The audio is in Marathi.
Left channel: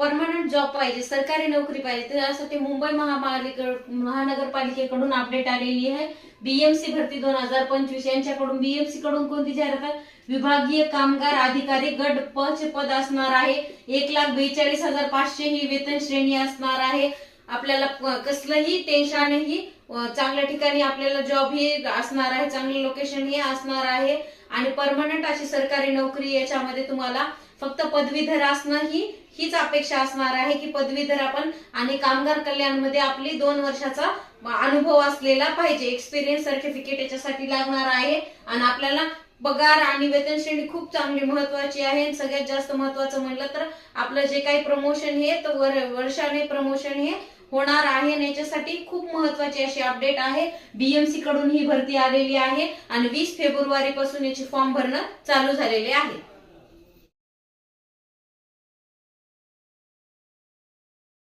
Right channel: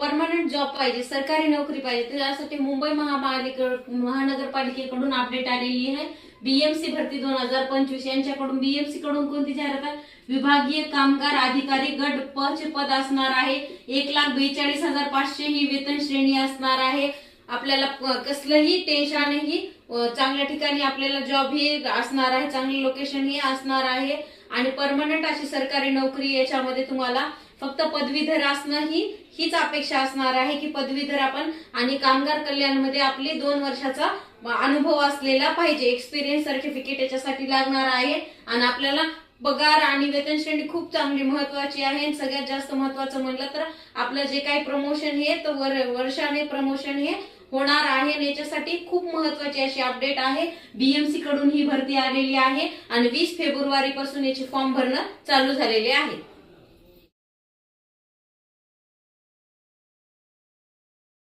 परमनंट जॉब पाहिजे, सरकारी नोकरी पाहिजे, त्यासाठी मुंबई महानगरपालिकेकडून अपडेट आलेली आहे। बीएमसी भरती 2025 यांच्याकडून बीएमसी कडून कोणती जाहिरात आहे? विभागीय कामगार अधिकारी गट प चे पद असणार आहे। 1,42,500 ही वेतन श्रेणी असणार आहे। आपल्याला कसलंही टेन्शन नाही, चांगल्या ठिकाणी आपल्याला जॉब ही असणार आहे, चांगलं लोकेशन ही असणार आहे आणि परमनंट अशी सरकारी नोकरी। याच्यामध्ये तुम्हाला फक्त पदवीधर असणं हीच अपेक्षा असणार आहे की पदवीधर आपण आणि कामगार कल्याणमध्ये आपली 2 वर्षाचा अनुभव असलेला पाहिजे, एक्सपिरियन्स सर्टिफिकेट याच्यासाठी लागणार आहे। आणि आपल्याला पगार आणि वेतन श्रेणी खूप चांगली महत्वाची आहे। आणि सगळ्यात जास्त महत्वाचं म्हणलं तर आपलं जे काही प्रमोशन हे तर वर्षाने प्रमोशन हे होणार आहे आणि याच्यासाठी खूप महत्वाची अशी अपडेट आहे। बीएमसी कडून ही भरती आलेली आहे आणि 20 फेब्रुवारी पासून याची फॉर्म भरणं चालू झालेले आहे।